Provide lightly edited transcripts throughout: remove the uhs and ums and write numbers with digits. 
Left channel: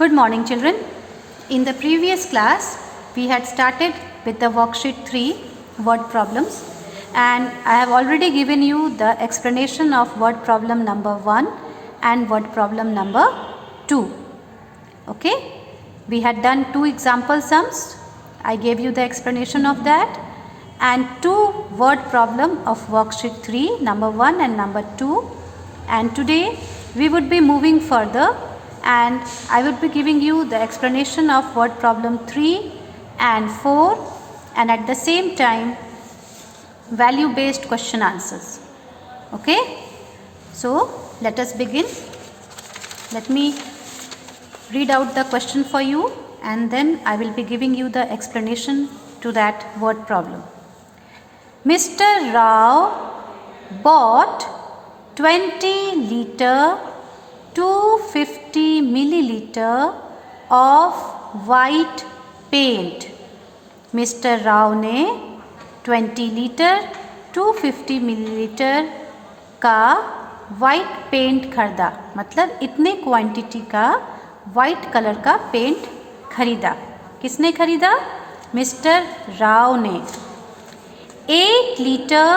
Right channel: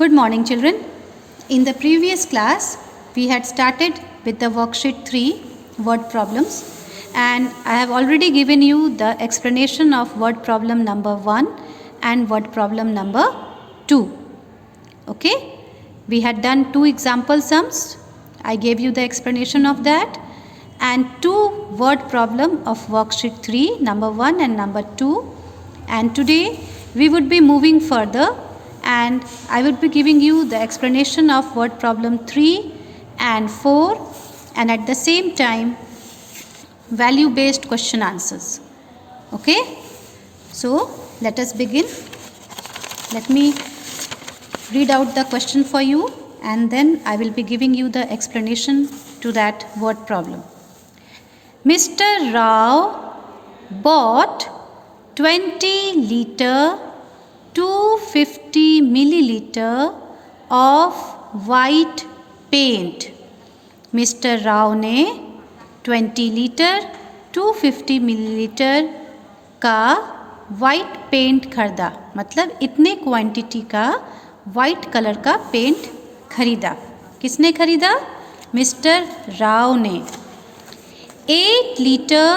Good morning, children. In the previous class, we had started with the worksheet 3 word problems, and I have already given you the explanation of word problem number 1 and word problem number 2. Okay, we had done 2 example sums. I gave you the explanation of that, and 2 word problem of worksheet 3 number 1 and number 2. And today we would be moving further, and I would be giving you the explanation of word problem 3 and 4, and at the same time value based question answers. Okay, so let us begin. Let me read out the question for you, and then I will be giving you the explanation to that word problem. Mr. Rao bought 20 liter 250 milliliter of white paint. Mr. Rao ने 20 litre 250 millilitre का white paint खरीदा, मतलब इतने quantity का white colour का paint खरीदा. किसने खरीदा? मिस्टर राव ने. 8 litre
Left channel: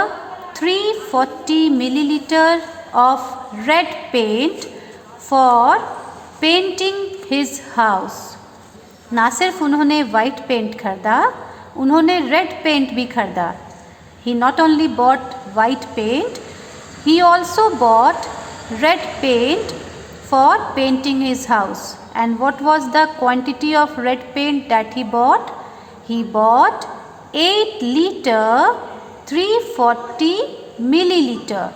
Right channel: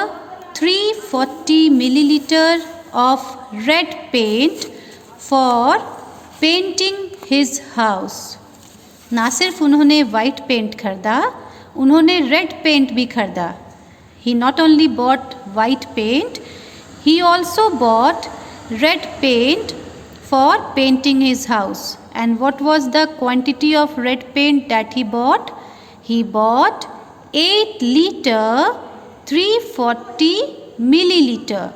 340 milliliter of red paint for painting his house. ना सिर्फ उन्होंने वाइट पेंट खरीदा, उन्होंने रेड पेंट भी खरीदा. He not only bought white paint, he also bought red paint for painting his house. And what was the quantity of red paint that he bought? He bought 8 liter 340 milliliter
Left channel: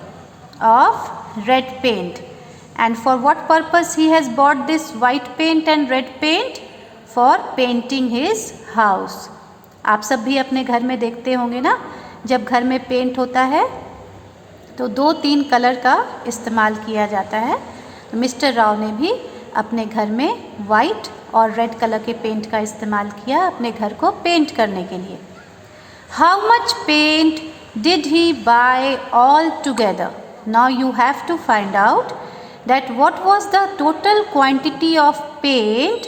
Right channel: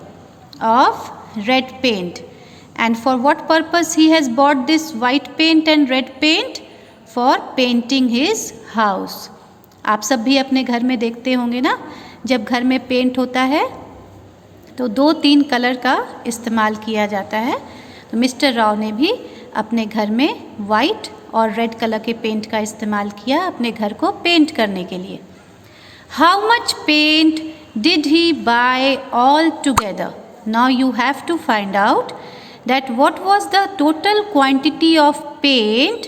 of red paint. And for what purpose he has bought this white paint and red paint? For painting his house. आप सब भी अपने घर में देखते होंगे ना, जब घर में पेंट होता है तो 2-3 कलर का इस्तेमाल किया जाता है. तो मिस्टर राव ने भी अपने घर में वाइट और रेड कलर के पेंट का इस्तेमाल किया अपने घर को पेंट करने के लिए. How much paint did he buy all together? Now you have to find out that what was the total quantity of paint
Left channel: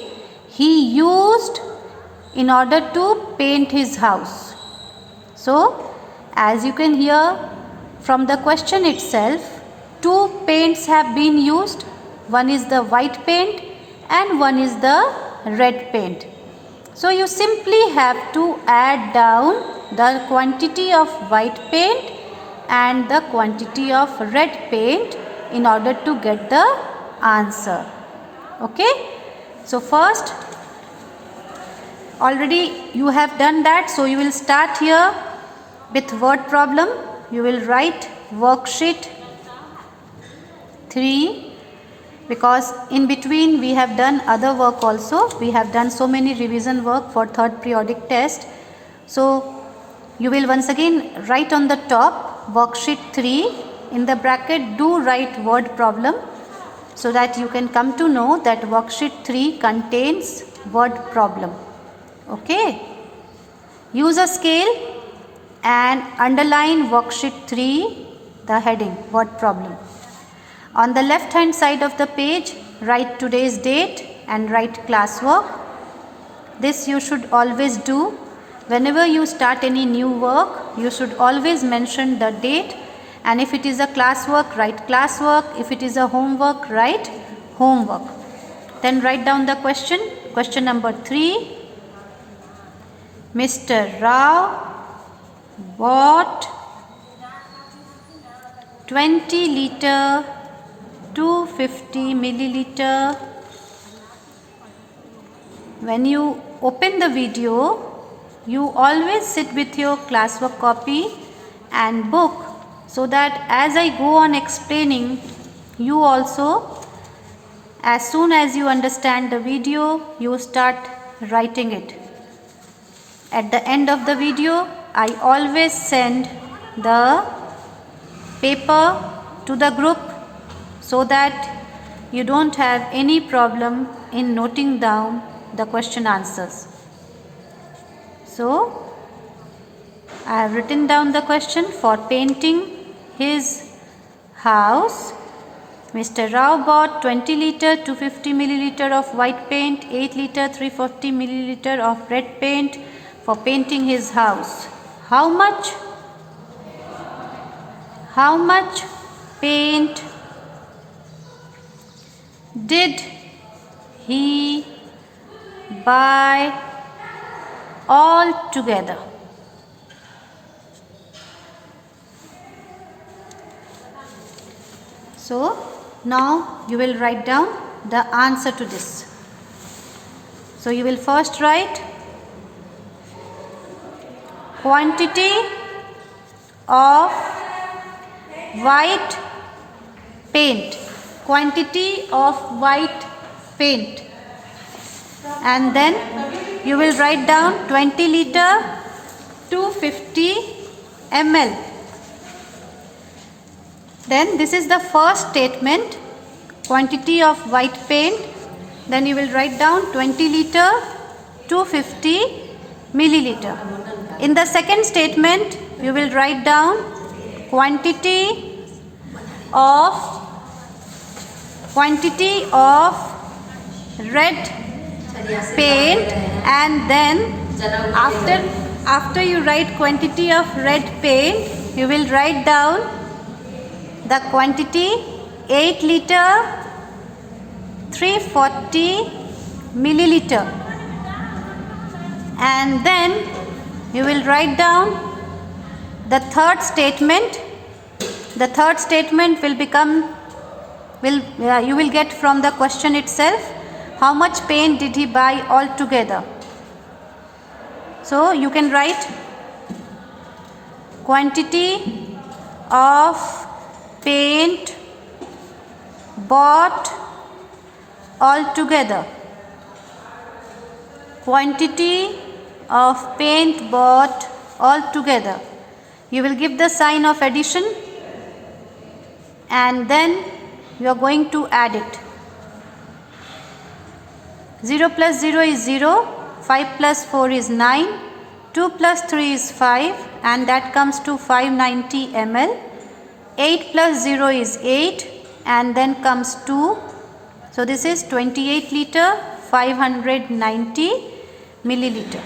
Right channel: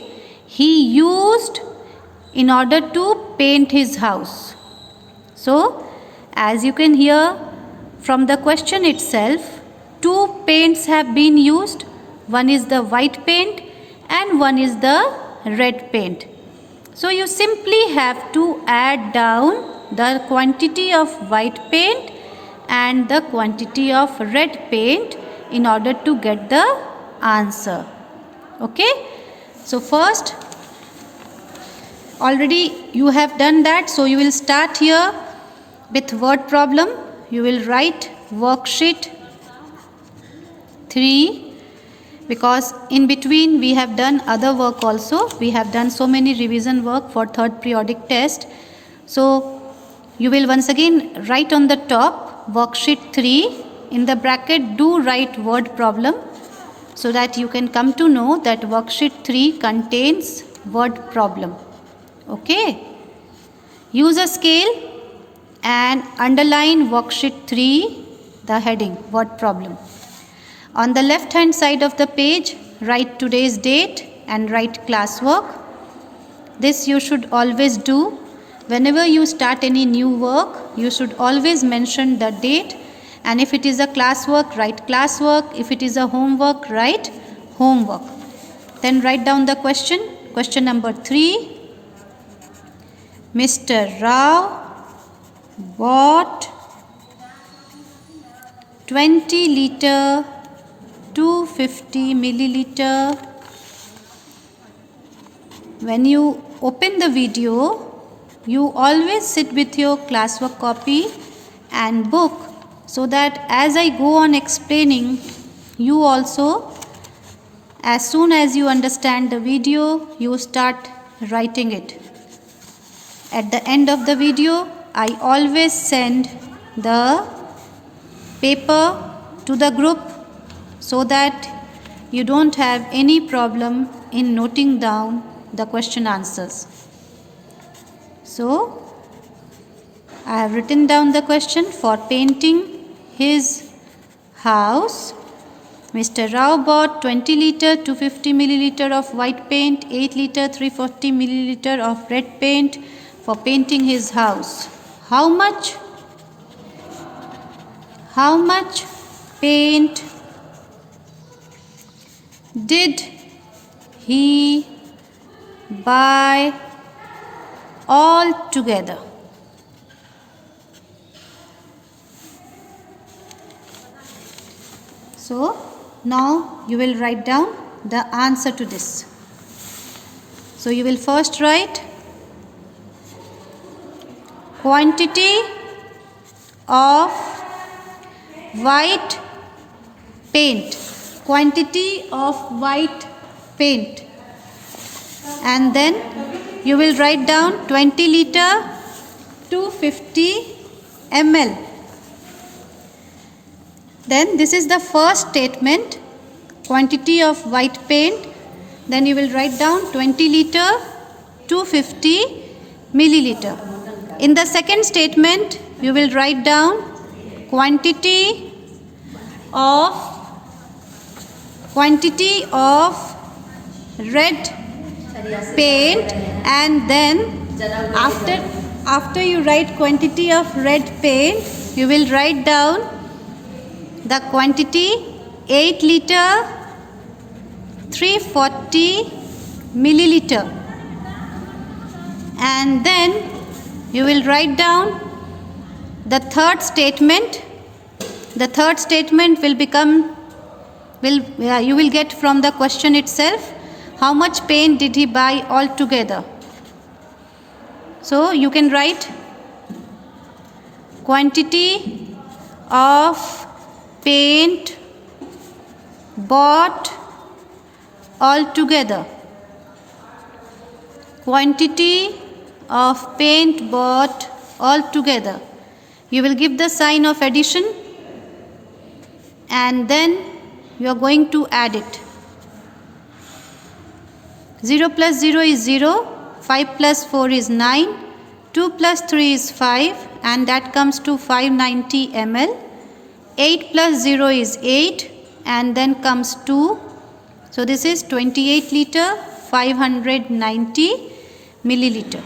he used in order to paint his house. So, as you can hear from the question itself, 2 paints have been used. One is the white paint and one is the red paint. So, you simply have to add down the quantity of white paint and the quantity of red paint in order to get the answer. Okay, so first, already you have done that, so you will start here with word problem. You will write worksheet 3, because in between we have done other work also. We have done so many revision work for third periodic test. So you will once again write on the top worksheet 3. In the bracket, do write word problem so that you can come to know that worksheet 3 contains word problem. Okay. Use a scale and underline worksheet 3, the heading word problem. On the left hand side of the page, write today's date and write classwork. This you should always do. Whenever you start any new work, you should always mention the date. And if it is a classwork, write classwork. If it is a homework, write homework. Then write down the question. Question number 3. Mr. Rao bought 20 liter 250 milliliter. When you open the video, you always sit with your classwork copy and book, so that as I go on explaining, you also, as soon as you understand the video, you start writing it. At the end of the video, I always send the paper to the group so that you don't have any problem in noting down the question answers. So, I have written down the question: for painting his house, Mr. Rao bought 20 liter 250 milliliter of white paint, 8 liter 340 milliliter of red paint for painting his house. How much paint did he buy all together? So now you will write down the answer to this. So you will first write quantity of white paint, and then you will write down 20 liter 250 ml. Then this is the first statement, quantity of white paint. Then you will write down 20 liter 250 milliliter. In the second statement you will write down quantity of red paint, and then after you write quantity of red paint you will write down the quantity 8 liter 340 milliliter, and then you will write down the third statement. The third statement you will get from the question itself. How much paint did he buy all together? So you can write quantity of paint bought all together. Quantity of paint bought all together. You will give the sign of addition, and then you are going to add it. 0 plus 0 is 0, 5 plus 4 is 9, 2 plus 3 is 5, and that comes to 590 ml. 8 plus 0 is 8, and then comes 2. So this is 28 liter 590 milliliter.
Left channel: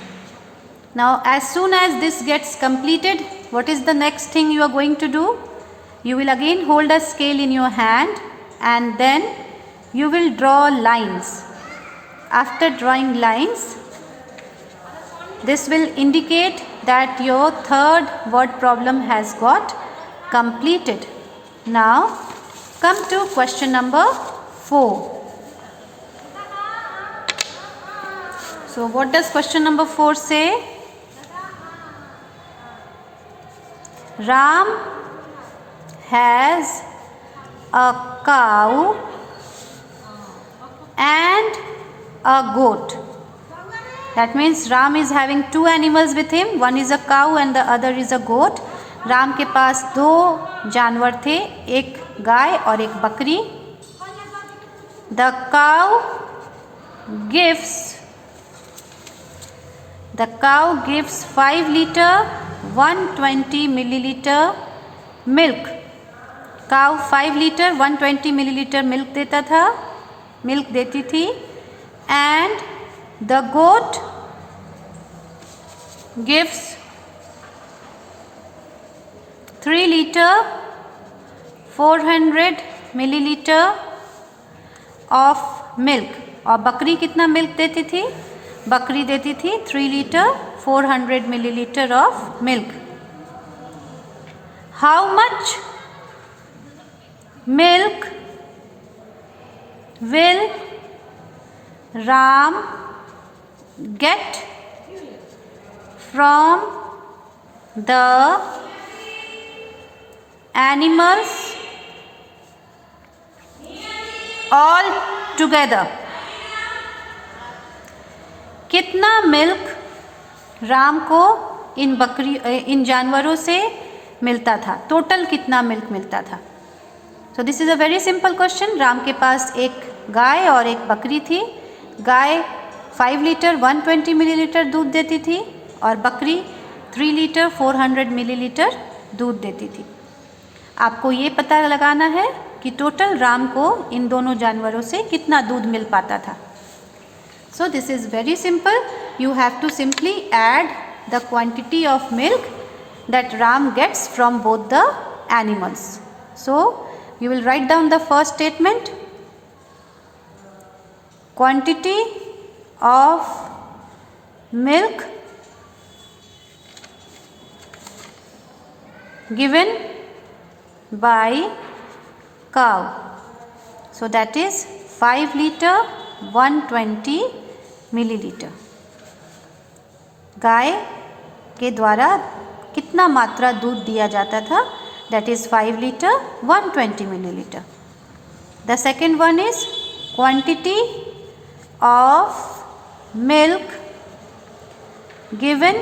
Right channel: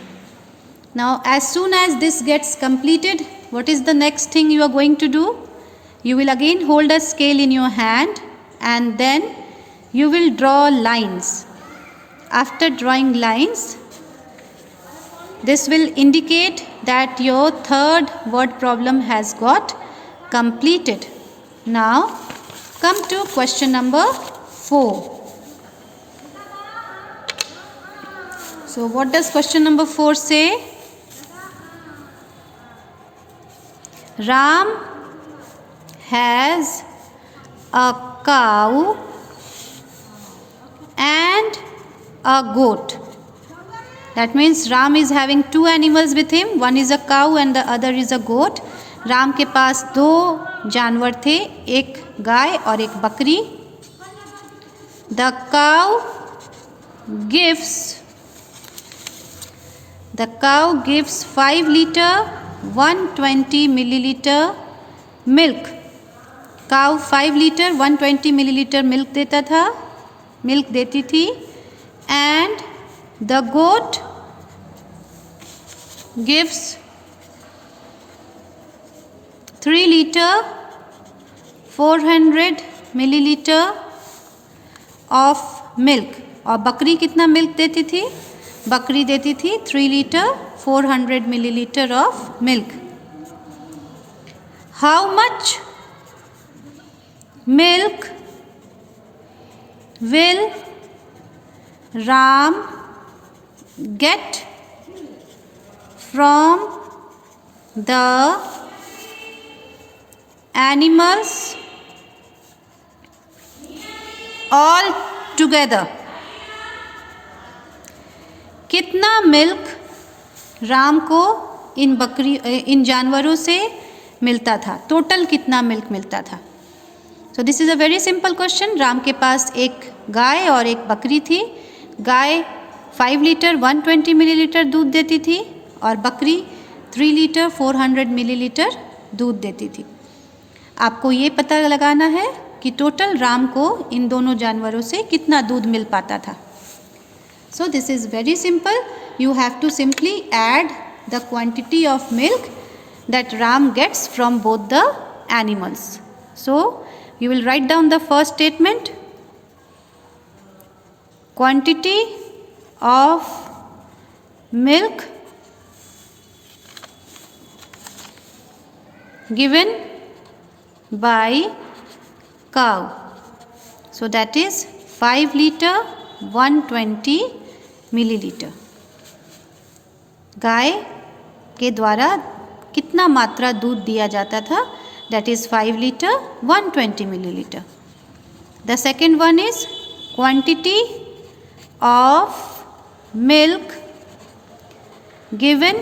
Now as soon as this gets completed, what is the next thing you are going to do? You will again hold a scale in your hand, and then you will draw lines. After drawing lines, this will indicate that your third word problem has got completed. Now come to question number 4. So what does question number 4 say? Ram has a cow and a goat. That means Ram is having two animals with him. One is a cow and the other is a goat. Ram के पास 2 जानवर थे, एक गाय और एक बकरी. The cow gives 5 liter 120 milliliter milk. Cow 5 liter 120 milliliter milk देती थी, and the goat gives 3 liter 400 milliliter of milk. और बकरी कितना मिल्क देती थी? बकरी देती थी 3 liter 400 milliliter of milk. How much milk will Ram get from the animals all together? कितना मिल्क राम को इन जानवरों से मिलता था? टोटल कितना मिल्क मिलता था? So this is a very simple question. Ram के पास एक गाय और एक बकरी थी. गाय 5 लीटर 120 मिलीलीटर दूध देती थी और बकरी 3 लीटर 400 मिलीलीटर दूध देती थी. आपको ये पता लगाना है कि टोटल राम को इन दोनों जानवरों से कितना दूध मिल पाता था. So this is very simple. You have to simply add the quantity of milk that Ram gets from both the animals. So you will write down the first statement. Quantity of milk given by cow. So that is 5 liter 120 millilitre. गाय के द्वारा कितना मात्रा दूध दिया जाता था? That is 5 liter 120 milliliter. The second one is quantity of milk given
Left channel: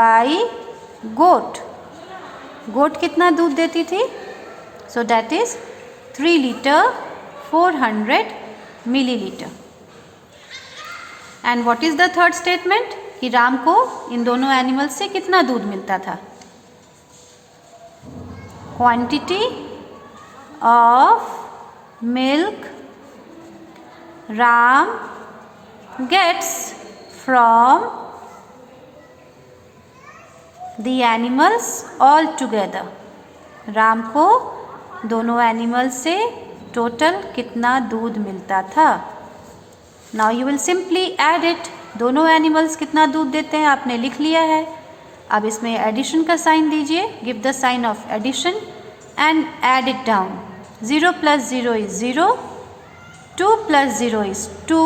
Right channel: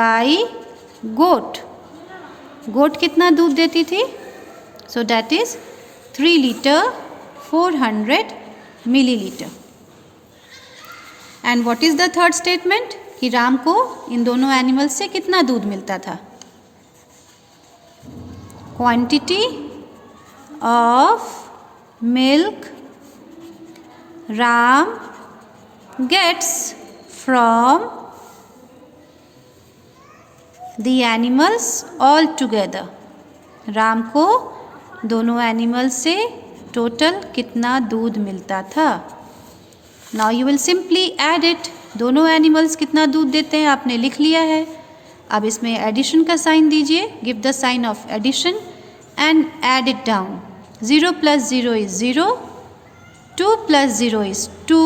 by goat. गोट कितना दूध देती थी? So that is 3 liter 400 milliliter. And what is the third statement? कि राम को इन दोनों एनिमल्स से कितना दूध मिलता था? Quantity of milk Ram gets from the animals all together. Ram को दोनों एनिमल्स से टोटल कितना दूध मिलता था? Now you will simply add it. दोनों एनिमल्स कितना दूध देते हैं आपने लिख लिया है. अब इसमें एडिशन का साइन दीजिए. Give the sign of addition and add it down. 0 plus 0 is 0. 2 plus 0 is 2.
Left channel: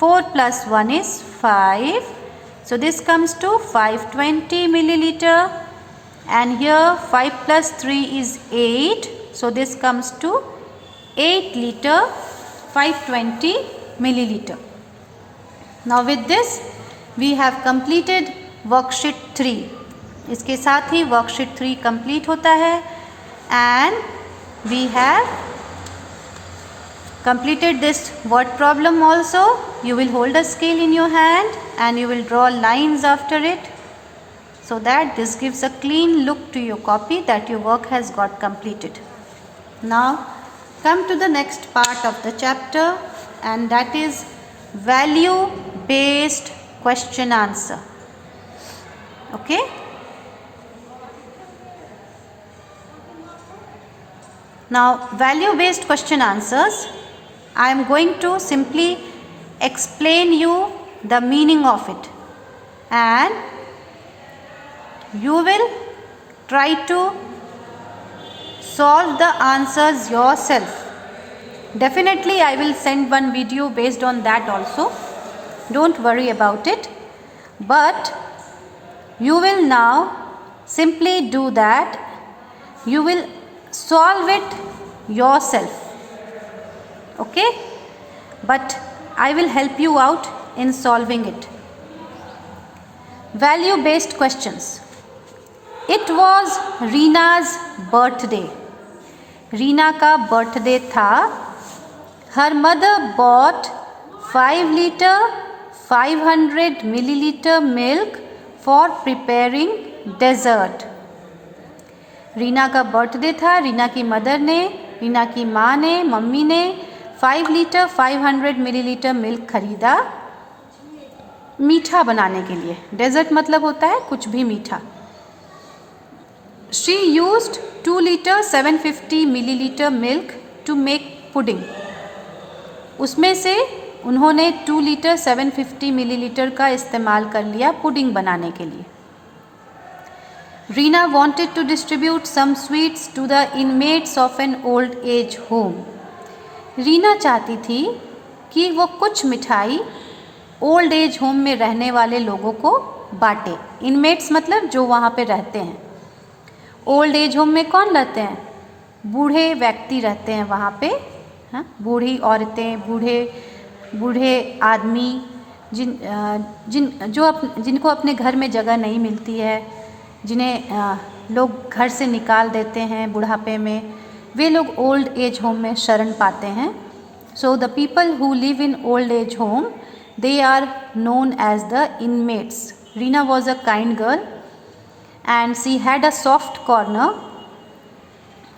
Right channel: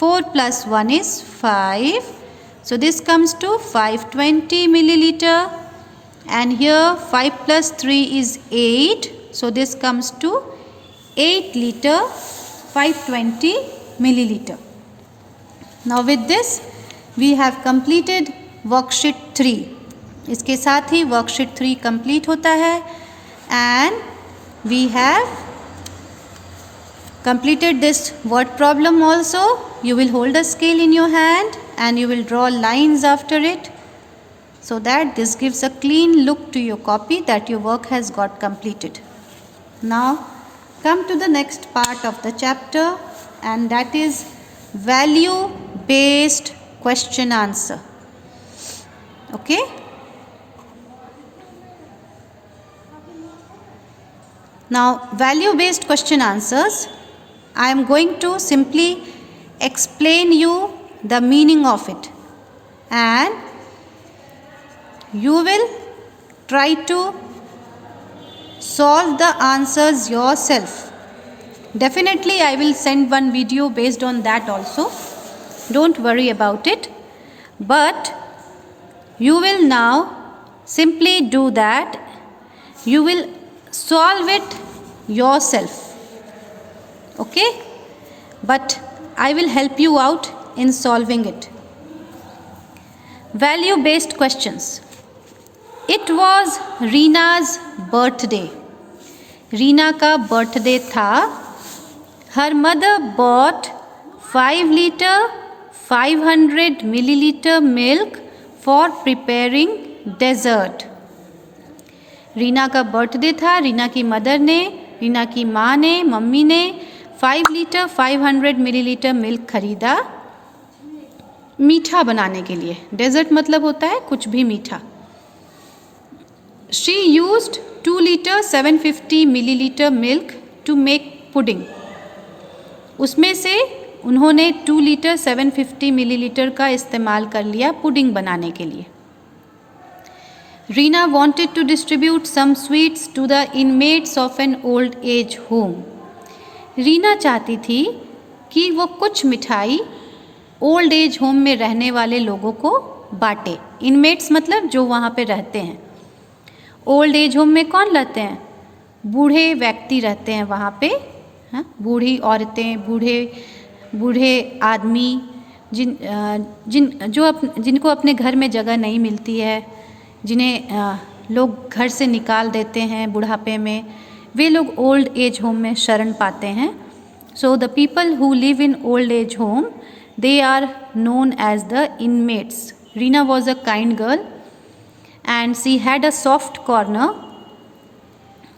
4 plus 1 is 5. So this comes to 520 milliliter. And here 5 plus 3 is 8. So this comes to 8 liter 520 milliliter. Now with this we have completed worksheet 3. इसके साथ ही worksheet 3 complete होता है. And we have completed this word problem also. You will hold a scale in your hand and you will draw lines after it, so that this gives a clean look to your copy that your work has got completed. Now come to the next part of the chapter, and that is value based question answer. Okay? Now value based question answers, I am going to simply explain you the meaning of it, and you will try to solve the answers yourself. Definitely I will send one video based on that also. Don't worry about it. But you will now simply do that. You will solve it yourself. Okay? But I will help you out in solving it. Value based questions. It was Reena's birthday. Reena का birthday था. Her mother bought 5 liter 500 milliliter milk for preparing dessert. Reena का birthday था. रीना की mother ने, रीना की माँ ने, mummy ने 5 लीटर 500 मिलीलीटर मिल्क खरीदा मीठा बनाने के लिए. डेजर्ट मतलब होता है कुछ भी मीठा. She used 2 liter 750 milliliter milk to make pudding. उसमें से उन्होंने 2 लीटर 750 मिलीलीटर का इस्तेमाल कर लिया पुडिंग बनाने के लिए. Reena wanted to distribute some sweets to the inmates of an old age home. Reena चाहती थी कि वो कुछ मिठाई ओल्ड एज होम में रहने वाले लोगों को बांटे. इनमेट्स मतलब जो वहाँ पे रहते हैं. ओल्ड एज होम में कौन रहते हैं? बूढ़े व्यक्ति रहते हैं वहाँ पे. हाँ, बूढ़ी औरतें, बूढ़े आदमी जिनको अपने घर में जगह नहीं मिलती है, जिन्हें लोग घर से निकाल देते हैं बुढ़ापे में, वे लोग ओल्ड एज होम में शरण पाते हैं. So the people who live in old age home, they are known as the inmates. Reena was a kind girl and she had a soft corner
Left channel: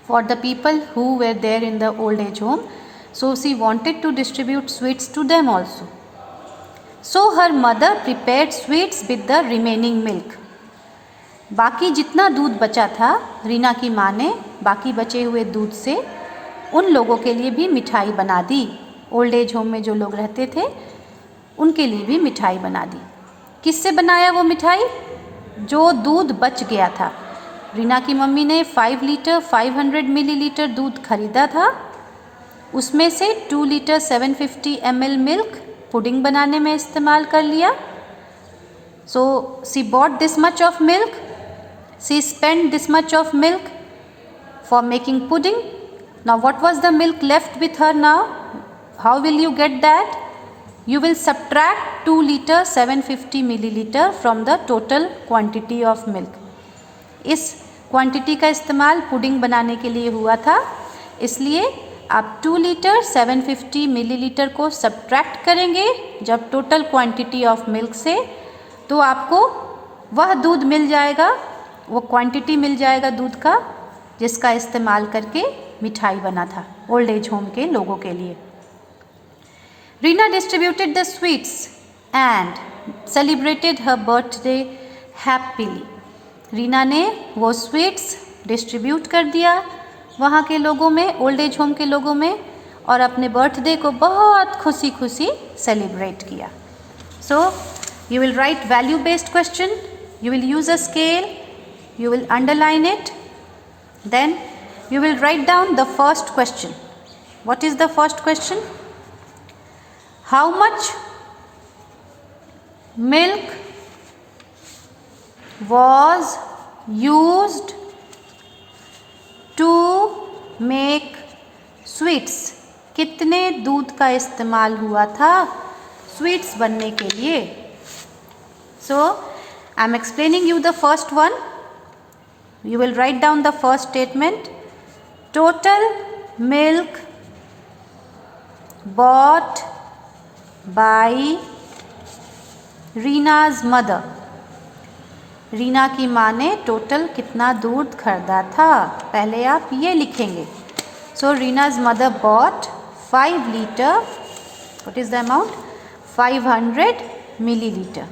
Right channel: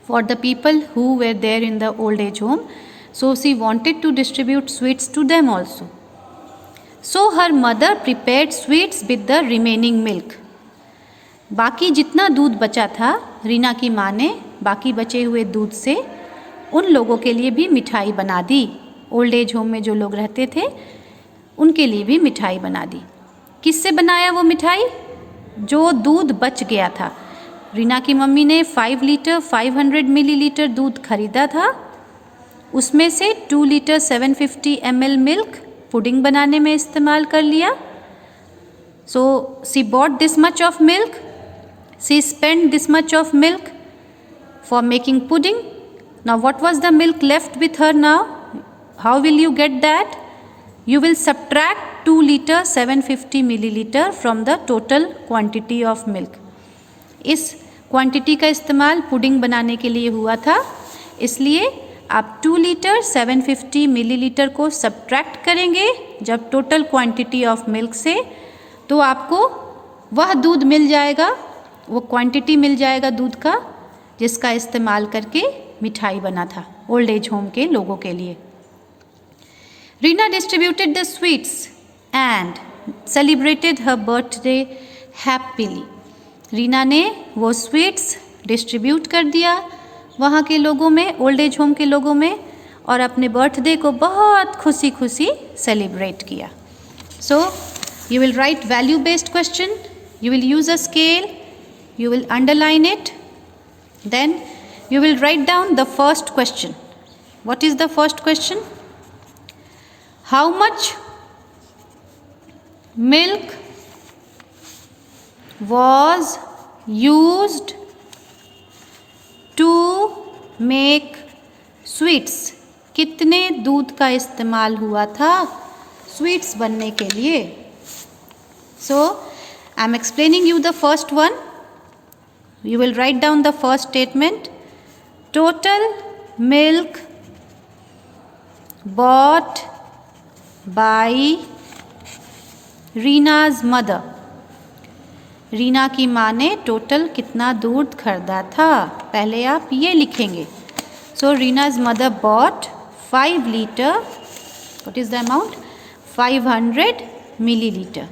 for the people who were there in the old age home. So she wanted to distribute sweets to them also. So her mother prepared sweets with the remaining milk. बाकी जितना दूध बचा था रीना की माँ ने बाकी बचे हुए दूध से उन लोगों के लिए भी मिठाई बना दी। ओल्ड एज होम में जो लोग रहते थे उनके लिए भी मिठाई बना दी। किससे बनाया वो मिठाई? जो दूध बच गया था। रीना की मम्मी ने 5 लीटर 500 मिलीलीटर दूध खरीदा था, उसमें से 2 लीटर 750 ml मिल्क पुडिंग बनाने में इस्तेमाल कर लिया। So she bought this much of milk, she spend this much of milk for making pudding. Now what was the milk left with her now? How will you get that? You will subtract 2 liter 750 milliliter from the total quantity of milk. इस quantity का इस्तेमाल pudding बनाने के लिए हुआ था, इसलिए आप 2 लीटर 750 मिलीलीटर को सब्ट्रैक्ट करेंगे जब टोटल क्वांटिटी ऑफ मिल्क से, तो आपको वह दूध मिल जाएगा, वो क्वांटिटी मिल जाएगा दूध का जिसका इस्तेमाल करके मिठाई बना था ओल्ड एज होम के लोगों के लिए। Reena distributed the sweets and celebrated her birthday happily. Reena ने वो स्वीट्स डिस्ट्रीब्यूट कर दिया वहाँ के लोगों में, ओल्ड एज होम के लोगों में, और अपने बर्थडे को बहुत खुशी खुशी सेलिब्रेट किया। So you will write value based question, you will use a scale, you will underline it, then you will write down the first question. What is the first question? How much milk was used to make sweets? कितने दूध का इस्तेमाल हुआ था sweets बनने के लिए? So I am explaining you the first one. You will write down the first statement. Total milk bought by रीना's mother. Reena की माँ ने टोटल कितना दूध खरीदा था, पहले आप ये लिखेंगे। सो रीना's mother bought 5 litre, what is the amount? 500 millilitre.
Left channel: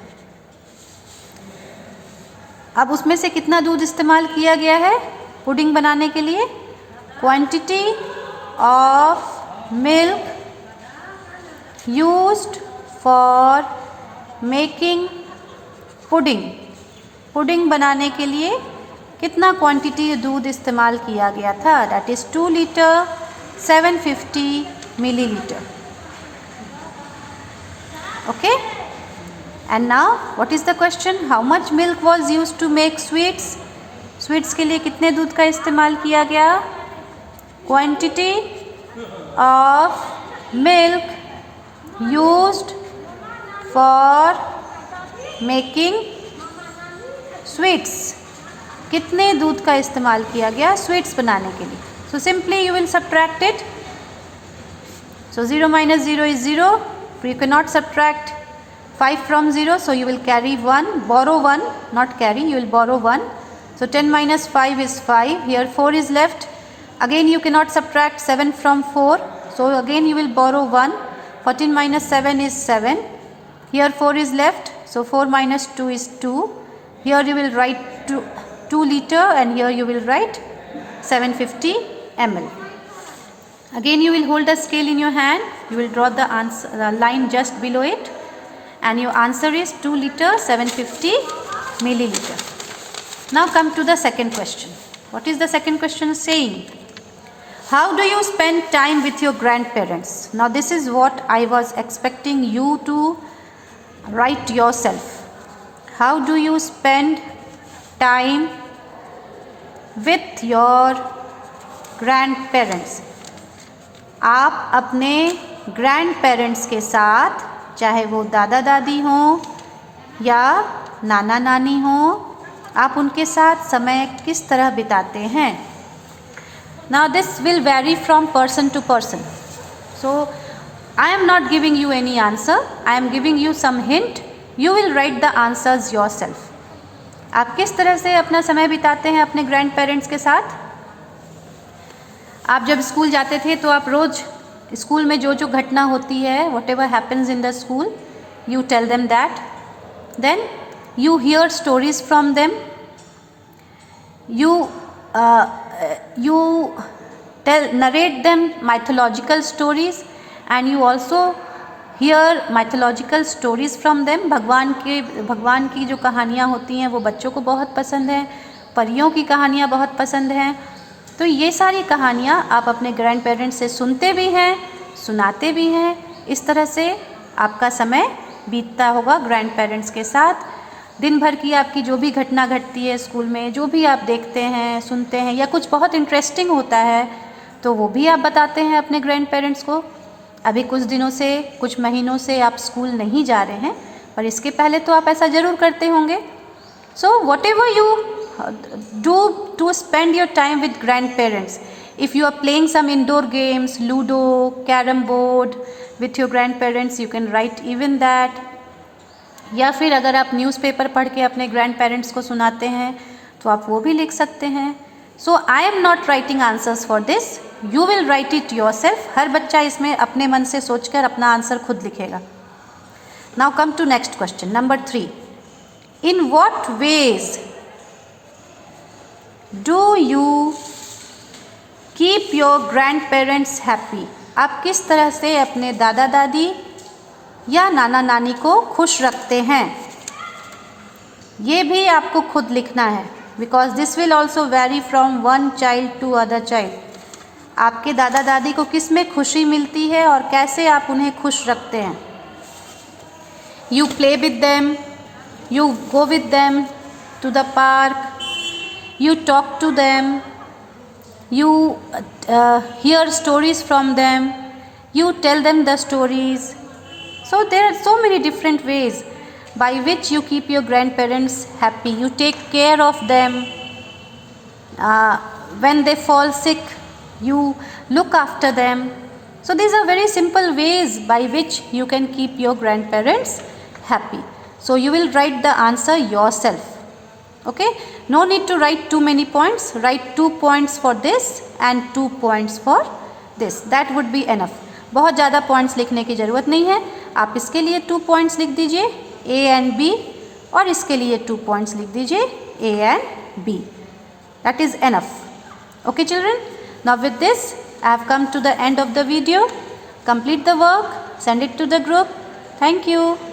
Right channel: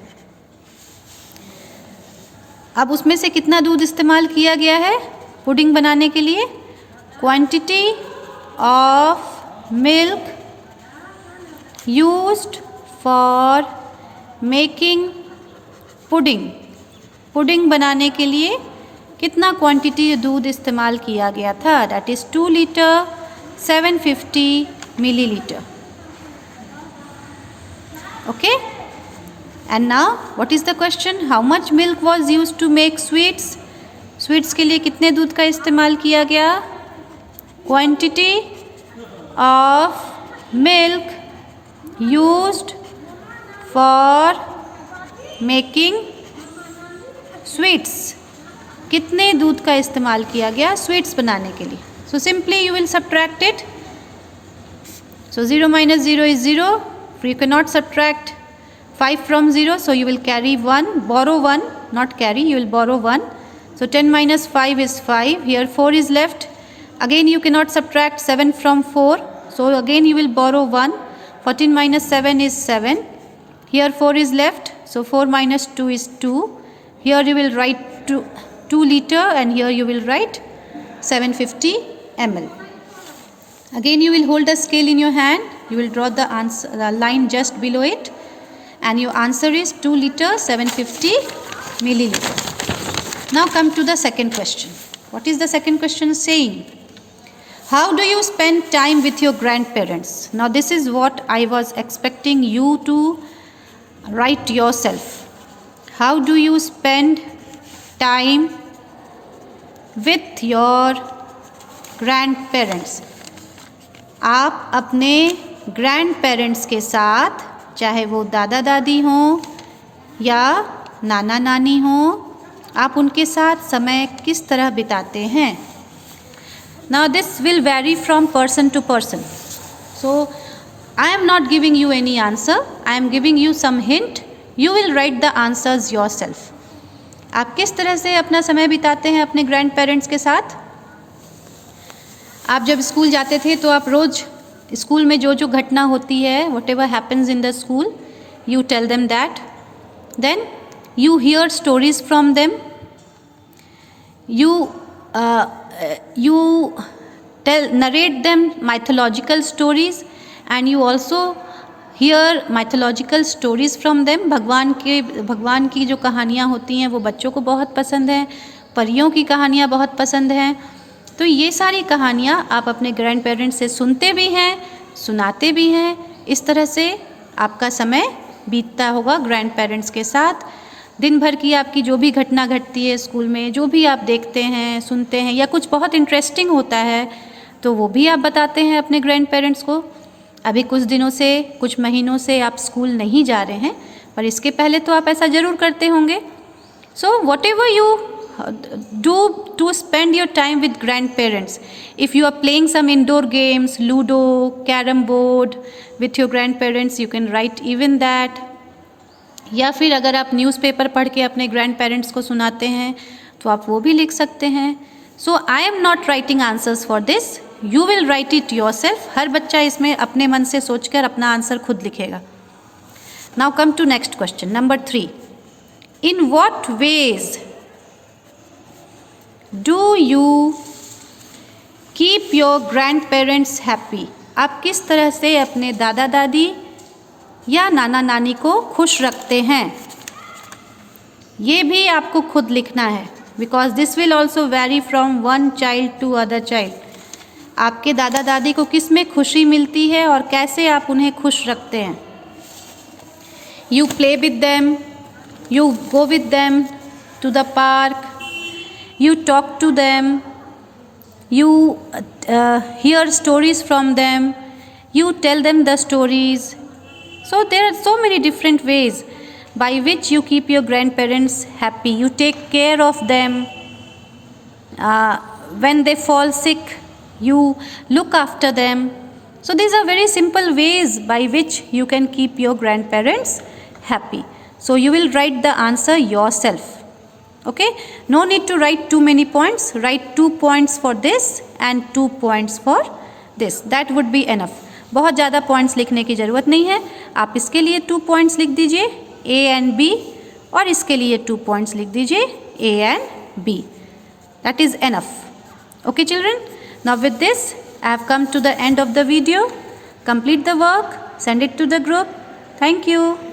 अब उसमें से कितना दूध इस्तेमाल किया गया है पुडिंग बनाने के लिए? Quantity of milk used for making pudding. Pudding बनाने के लिए कितना क्वांटिटी दूध इस्तेमाल किया गया था? That is 2 litre 750 millilitre. Okay, and now what is the question? How much milk was use to make sweets? Sweets के लिए कितने दूध का इस्तेमाल किया गया? Quantity of milk used for making sweets. कितने दूध का इस्तेमाल किया गया स्वीट्स बनाने के लिए? So simply you will subtract it. So 0 minus 0 is 0. You cannot subtract 5 from 0, so you will carry 1, borrow 1, not carry, you will borrow 1. So 10 minus 5 is 5. Here 4 is left. Again you cannot subtract 7 from 4, so again you will borrow 1. 14 minus 7 is 7. Here 4 is left, so 4 minus 2 is 2. Here you will write 2 liter and here you will write 750 ml. Again you will hold the scale in your hand. You will draw the answer, the line just below it, and your answer is 2 liter 750 milliliter. Now come to the second question. What is the second question saying? How do you spend time with your grandparents? Now this is what I was expecting you to write yourself. How do you spend time with your grandparents? आप अपने grandparents के साथ, चाहे वो दादा दादी हों या नाना नानी हों, आप उनके साथ समय किस तरह बिताते हैं? Now this will vary from person to person. So I am not giving you any answer. I am giving you some hint. You will write the answers yourself. आप किस तरह से अपना समय बिताते हैं अपने ग्रैंड पेरेंट्स के साथ? आप जब स्कूल जाते थे तो आप रोज़ स्कूल में जो जो घटना होती है, whatever happens in the school, you tell them that, then you hear stories from them, you narrate them mythological stories, and you also hear mythological stories from them. भगवान की जो कहानियाँ होती हैं वो बच्चों को बहुत पसंद हैं, परियों की कहानियाँ बहुत पसंद हैं। तो ये सारी कहानियाँ आप अपने ग्रैंड पेरेंट्स से सुनते भी हैं, सुनाते भी हैं। इस तरह से आपका समय बीतता होगा ग्रैंड पेरेंट्स के साथ। दिन भर की आपकी जो भी घटना घटती है स्कूल में, जो भी आप देखते हैं, सुनते हैं, या कुछ बहुत इंटरेस्टिंग होता है तो वो भी आप बताते हैं अपने ग्रैंड पेरेंट्स को। अभी कुछ दिनों से, कुछ महीनों से आप स्कूल नहीं जा रहे हैं, पर इसके पहले तो आप ऐसा ज़रूर करते होंगे। So whatever you do to spend your time with grandparents, if you are playing some indoor games, ludo, carrom board with your grandparents, you can write even that. या फिर अगर आप newspaper पढ़ के अपने grand parents को सुनाते हैं तो आप वो भी लिख सकते हैं। So I am not writing answers for this, you will write it yourself. हर बच्चा इसमें अपने मन से सोचकर अपना आंसर खुद लिखेगा। Now come to next question number 3। In what ways do you keep your grandparents happy? आप किस तरह से अपने दादा दादी या नाना नानी को खुश रखते हैं? ये भी आपको खुद लिखना है, because this will also vary from one child to other child. आपके दादा दादी को किस में खुशी मिलती है और कैसे आप उन्हें खुश रखते हैं? You play with them, you go with them to the park, you talk to them, you hear stories from them, you tell them the stories. So there are so many different ways by which you keep your grandparents happy. You take care of them. When they fall sick, you look after them. So these are very simple ways by which you can keep your grandparents happy. So you will write the answer yourself. Okay, no need to write too many points. Write 2 points for this and 2 points for this. That would be enough. बहुत ज़्यादा points लिखने की ज़रूरत नहीं है। आप इसके लिए 2 पॉइंट्स लिख दीजिए A and B, और इसके लिए 2 पॉइंट्स लिख दीजिए A and B. That is enough. Okay children, now with this I have come to the end of the video. Complete the work, send it to the group. Thank you.